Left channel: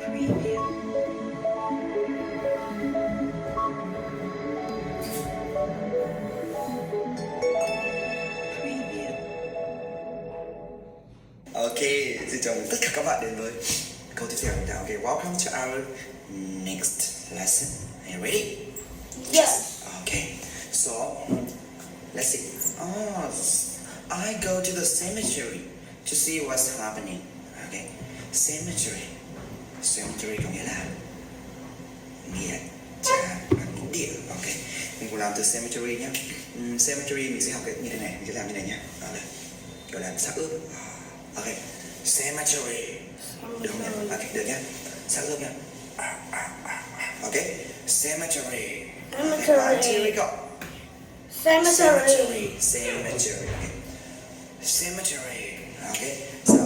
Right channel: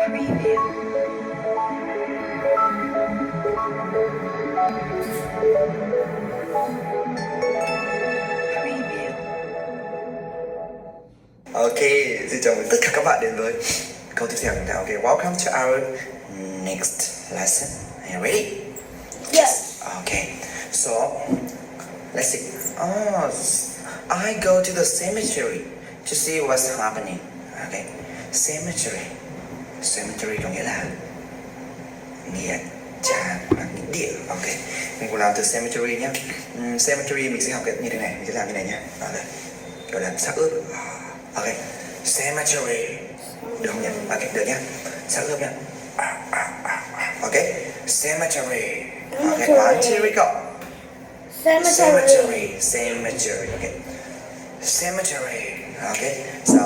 Ok, xin chào mừng tất cả các bạn đến với câu tiếp theo nào. Okay, welcome to our next lesson. Are you ready? Yes. Okay, so let's see. Oh, I go to the cemetery to see what's happening. Okay, cemetery. Cemetery có nghĩa là nghĩa trang, là nghĩa địa. Ok, mình cùng làm từ cemetery nhé. Cemetery mình sẽ học như thế này, mình sẽ làm như này nhé. Okay, gọi là xác ướp. Ok, cemetery. Được không nhỉ? Ok, được nhé. Xác ướp nhé. Ok, cemetery. Ok, one, two, we go. Cemetery. Cemetery. Okay. Cemetery. Okay. So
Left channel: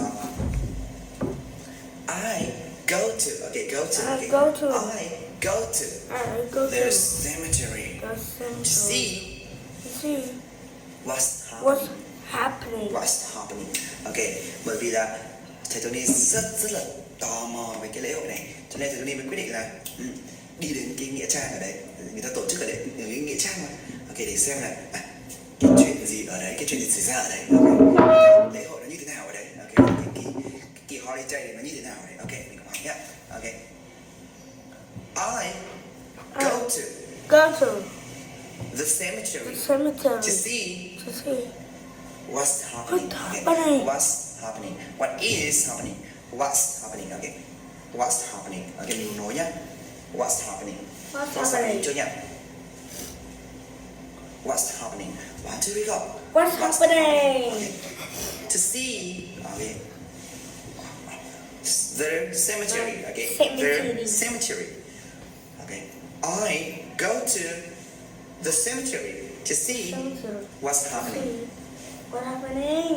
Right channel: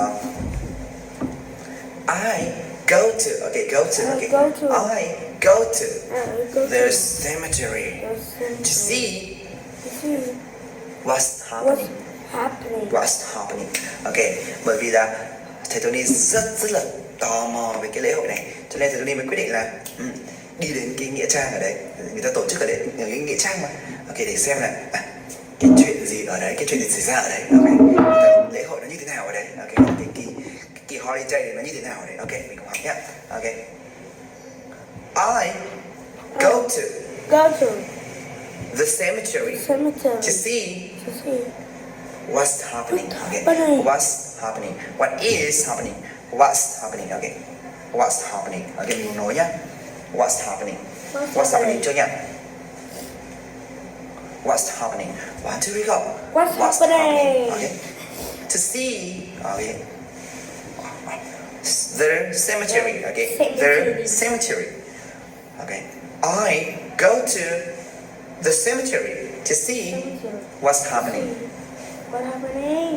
I go to. Okay, go to. Okay. I go to the cemetery to see what's happening. What's happening. Okay. Bởi vì là thầy Tony rất là tò mò về cái lễ hội này, cho nên thầy Tony mới quyết định là đi đến cái nghĩa trang ở đấy, người ta tổ chức ở đấy, ở cái nghĩa trang mà. Ok, để xem là cái chuyện gì ở đấy, cái chuyện gì xảy ra ở đấy. Ok, lễ hội nó như thế nào ở đấy. Ok, cái kỳ holiday này nó như thế nào ở đấy. Ok, mình cùng học nhé. Ok, I go to the cemetery to see what's happening. Okay, what's happening, what is happening, what's happening. Okay, what's happening. Ok, mình nói nhá. What's happening? What's happening chưa nhỉ? What's happening? One, two, three, go. What's happening? Okay. To see. Okay. The cemetery. Okay. The cemetery. Okay. I go to the cemetery to see what's happening.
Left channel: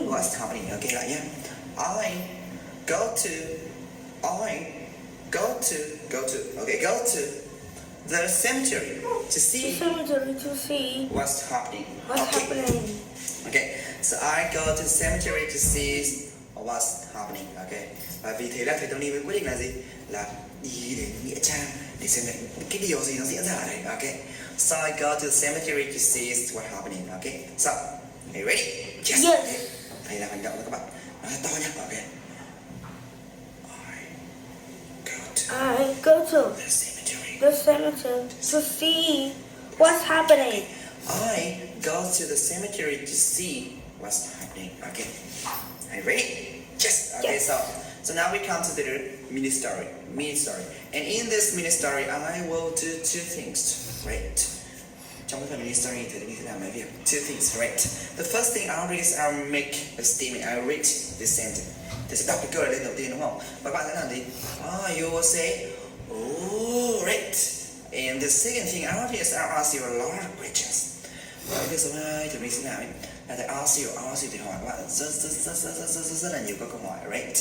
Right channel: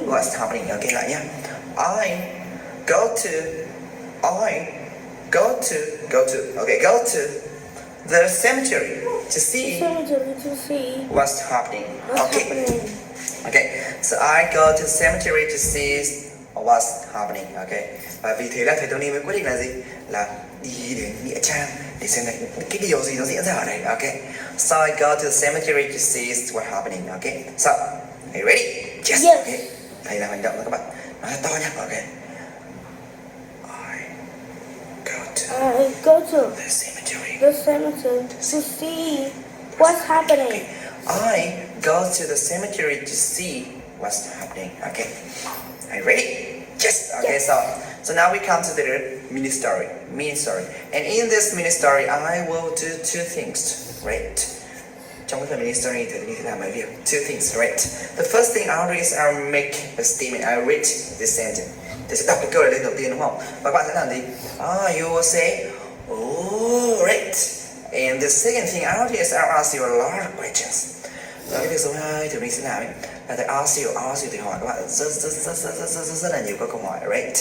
What's happening? Okay, lại nhá. I go to. Okay, go to the cemetery to see what's happening. Okay, so I go to the cemetery to see what's happening. Okay, và vì thế là thầy Tony mới quyết định là gì? Là đi đến nghĩa trang để xem là cái điều gì nó diễn ra ở đây. Okay, so I go to the cemetery to see what's happening. Okay, so are you ready? Yes. Okay. Thầy làm hành động đó các bạn. Nói to nhá. Okay. I go to The cemetery to see what's happening. I go to the cemetery to see what's happening. Okay. Are you ready? Yes. Okay. Yes. So now we come to the mini story. And in this mini story, I will do two things. Right. Trong cái phần mini story thì mình sẽ làm mấy việc. Two things. Right. The first thing I'll do is I'll make a statement. I read this sentence. Thì sẽ đọc cái câu này lên đầu tiên đúng không? Và bạn sẽ làm gì? You will say, oh, right. And the second thing I'll do is I'll ask you a lot of questions. Và cái việc số 2 thì mình sẽ làm ấy là thầy ask you thì hỏi các bạn rất là nhiều các câu hỏi, right?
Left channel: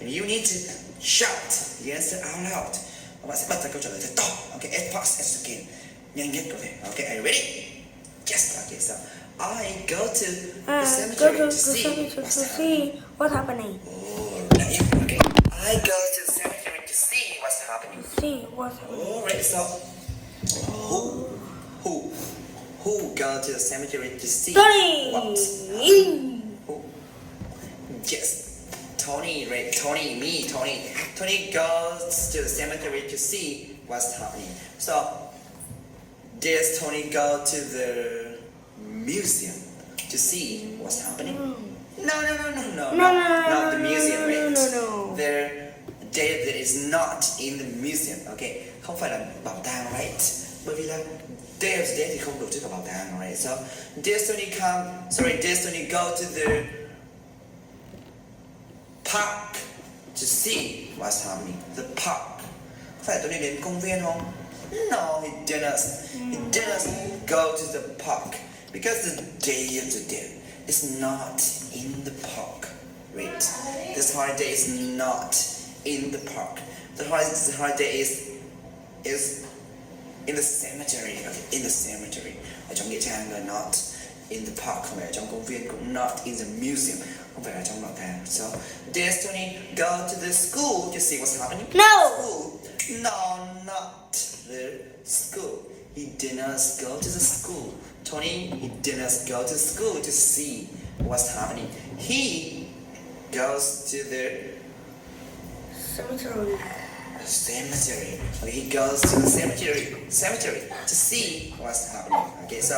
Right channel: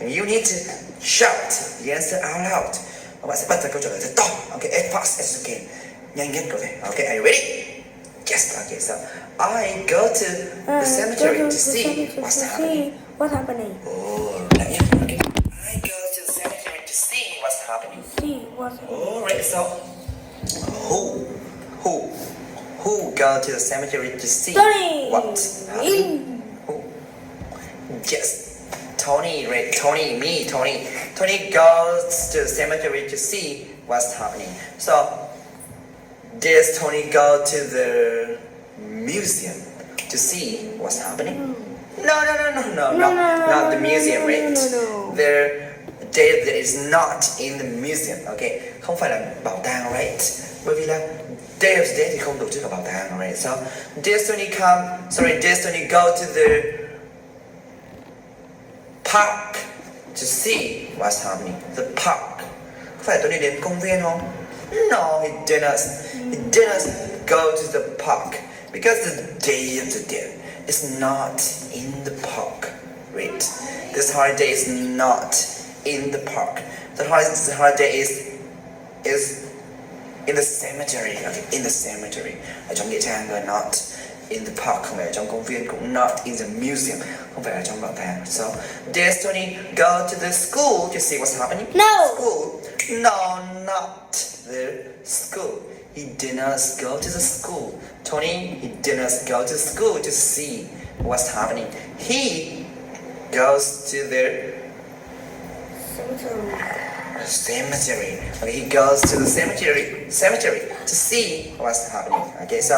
And you need to shout the answer out loud. Các bạn sẽ bật ra câu trả lời thật to. Okay, as fast as you can. Nhanh nhất có thể. Okay, are you ready? Yes. Okay, so I go to the cemetery to see what's happening. Oh, right. Okay. I go to the cemetery to see what's happening. Oh, right. So, who go to the cemetery to see what's happening? Yes. Tony, right? Tony, me, Tony. Tony goes to the cemetery to see what's happening. So, does Tony go to the museum to see what's happening? No, not the museum, right? There is not in the museum, okay? Không phải là bảo tàng, right? Bởi vì là Day of the Dead thì không tổ chức ở bảo tàng, right? So, does Tony go to the park to see what's happening? The park. Có phải Tony đến công viên không? No, he didn't go to the park because the Day of the Dead is not in the park. Wait, this holiday is not in the park. The holiday is in the cemetery. Okay, in the cemetery. Ở trong nghĩa trang là not in the park, không phải ở trong công viên, cũng not in the museum, không phải ở trong bảo tàng. So does Tony go to the school to see what's happening? No. School? No, not the school. He did not go to the school. Tony, he did not go to school to see what's happening. He goes to the cemetery. Okay, he goes to the cemetery to see what's happening. Okay, so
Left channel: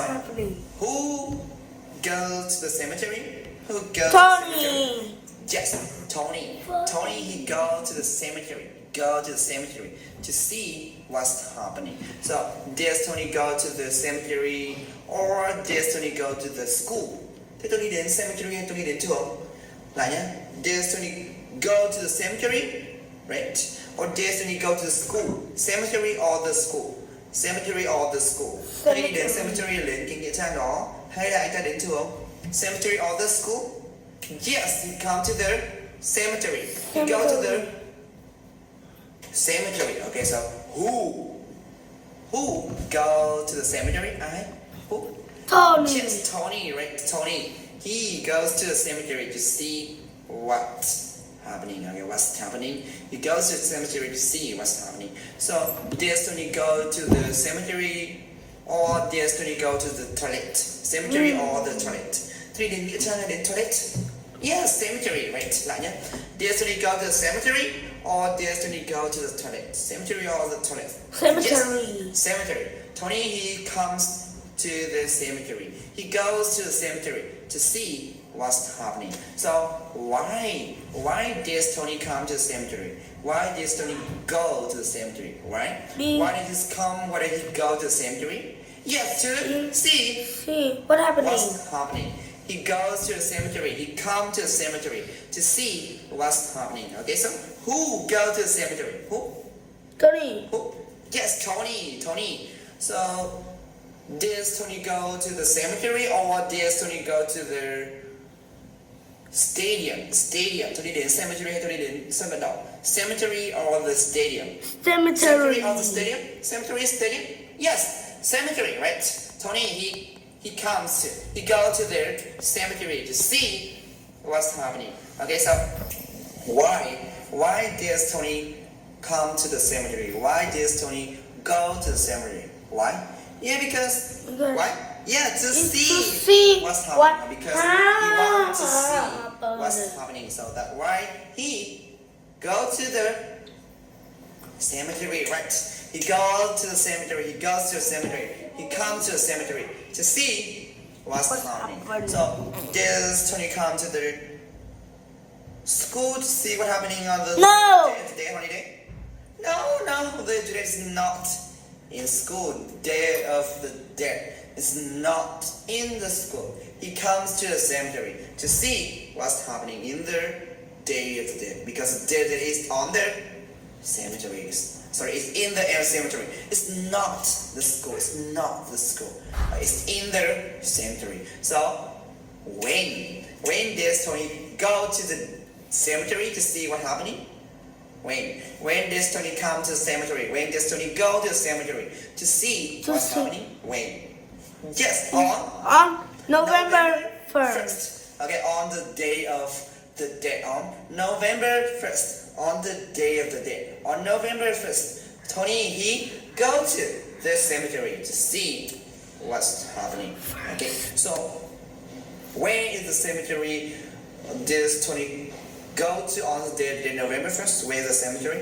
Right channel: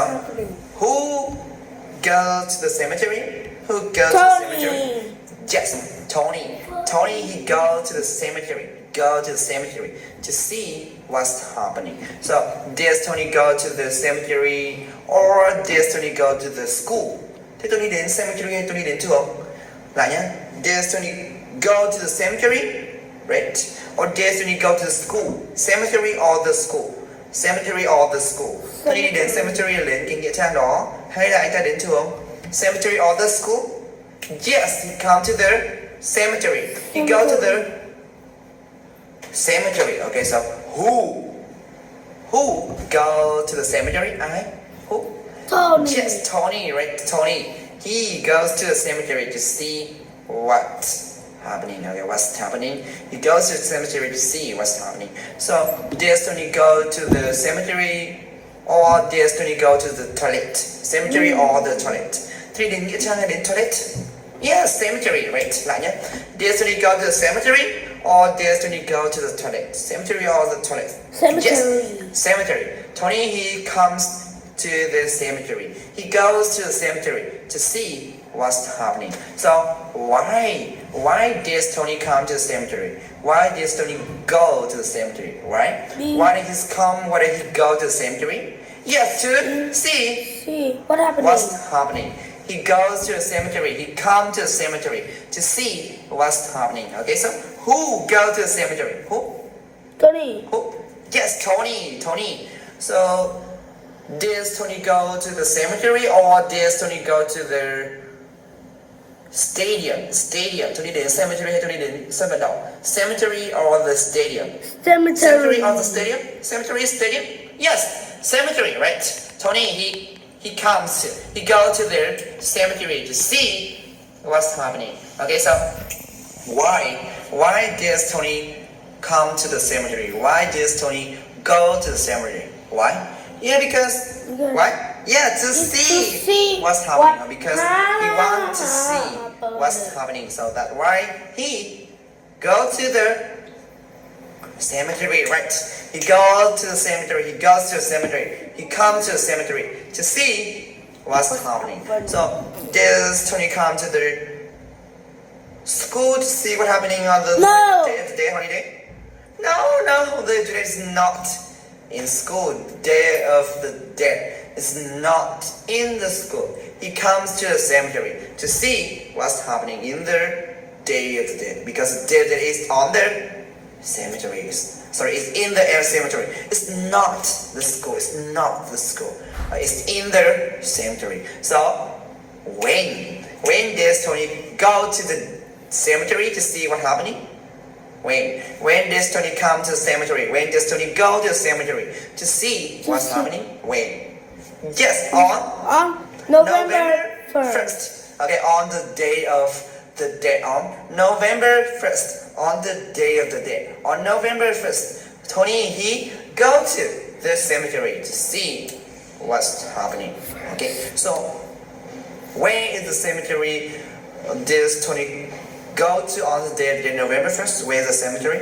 who goes to the cemetery? Who goes to the cemetery? Tony. Yes, Tony. Tony, he goes to the cemetery. Go to the cemetery to see what's happening. So, does Tony go to the cemetery or does Tony go to the school? Thế Tony đến cemetery hay Tony đến trường? Lại nhá. Does Tony go to the cemetery? Right. Or does Tony go to the school? Cemetery or the school? Cemetery or the school? Tony đi đến cemetery là đến cái nghĩa trang đó hay là anh ta đến trường? Cemetery or the school? Yes, he come to the cemetery. He go to the cemetery. Okay, so who go to the cemetery? Who? Tony. Yes, Tony, right? Tony. He goes to the cemetery to see what's happening. Okay, what's happening? He goes to the cemetery to see what's happening. So, does Tony go to the cemetery or does Tony go to the toilet? Cemetery or the toilet? Three đến nghĩa trang hay đến toilet? Yes, cemetery, right? Lại nhé. Does Tony go to the cemetery or does Tony go to the toilet? Cemetery or the toilet? Cemetery. Yes, cemetery. Tony, he comes to the cemetery. He goes to the cemetery to see what's happening. So why does Tony come to the cemetery? Why does Tony go to the cemetery? Right? Why did he come? Why did he go to the cemetery? Yes, to see See what happening? what's happening. He goes to the cemetery. He comes to the cemetery to see what's happening. Okay, so who goes to the cemetery? Who? Tony. Who? Yes, Tony. Tony. So does Tony go to the cemetery or does Tony go to the stadium? Tony đến cemetery hay Tony đến sân vận động? Cemetery or the stadium? Cemetery. Cemetery or the stadium? Cemetery, stadium? Yes, cemetery, right? Tony, he goes to the cemetery to see what's happening. Okay, so why does Tony come to the cemetery? Why does Tony go to the cemetery? Why? Yeah, because why? Yeah, to see what's happening. Because he wants to see what's happening. So that's why he go to the cemetery, right? He goes to the cemetery. He goes to the cemetery. He comes to the cemetery to see what's happening. So does Tony come to the school to see what's happening on the day holiday? No, the today is not in school. Day of the dead is not in the school. He comes to the cemetery to see what's happening in the day of the dead because the dead is on the cemetery. Sorry, it's in the air cemetery. It's not the school. It's not the school. It's in the cemetery. So when does Tony go to the cemetery to see what's happening? When does Tony come to the cemetery? When does Tony go to the cemetery to see what's happening? When? Yes, on November 1st. Okay, on the day of the day on November 1st, on the day of the day, on November 1st, Tony, he go to the cemetery to see what's happening. Okay, so when is the cemetery does Tony go to on the day of the day, November 1st? Where is the cemetery?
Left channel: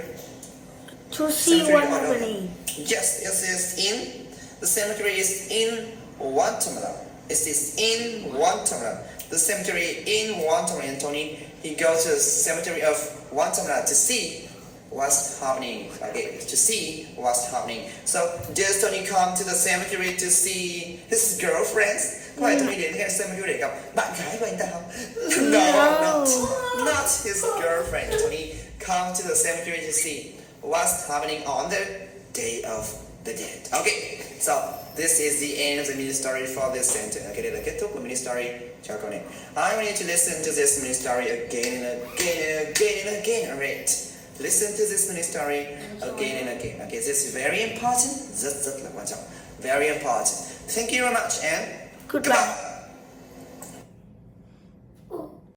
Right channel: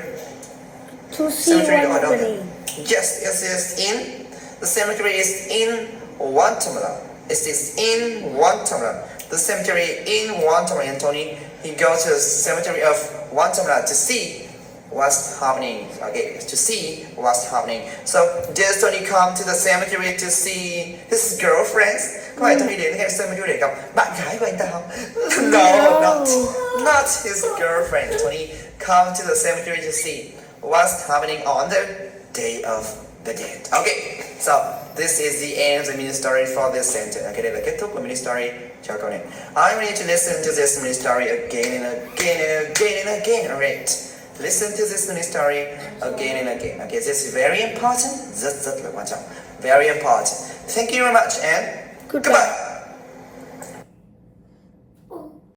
To see Cemetery what's or happening. Yes, in the cemetery is in Guatemala. It is in Guatemala. The cemetery in Guatemala, and Tony, he goes to the cemetery of Guatemala to see what's happening. Okay, to see what's happening. So does Tony come to the cemetery to see his girlfriends? Có phải Tony đến cái cemetery để gặp bạn gái của anh ta không? No, not his girlfriend. Tony come to the cemetery to see what's happening on the day of the dead. Okay, so this is the end of the mini story for this sentence. Okay, đây là kết thúc của mini story cho câu này. I need to listen to this mini story again and again and again and again. Alright, listen to this mini story again and again. Okay, this is very important. Rất là quan trọng. Very important. Thank you very much and Goodbye. goodbye.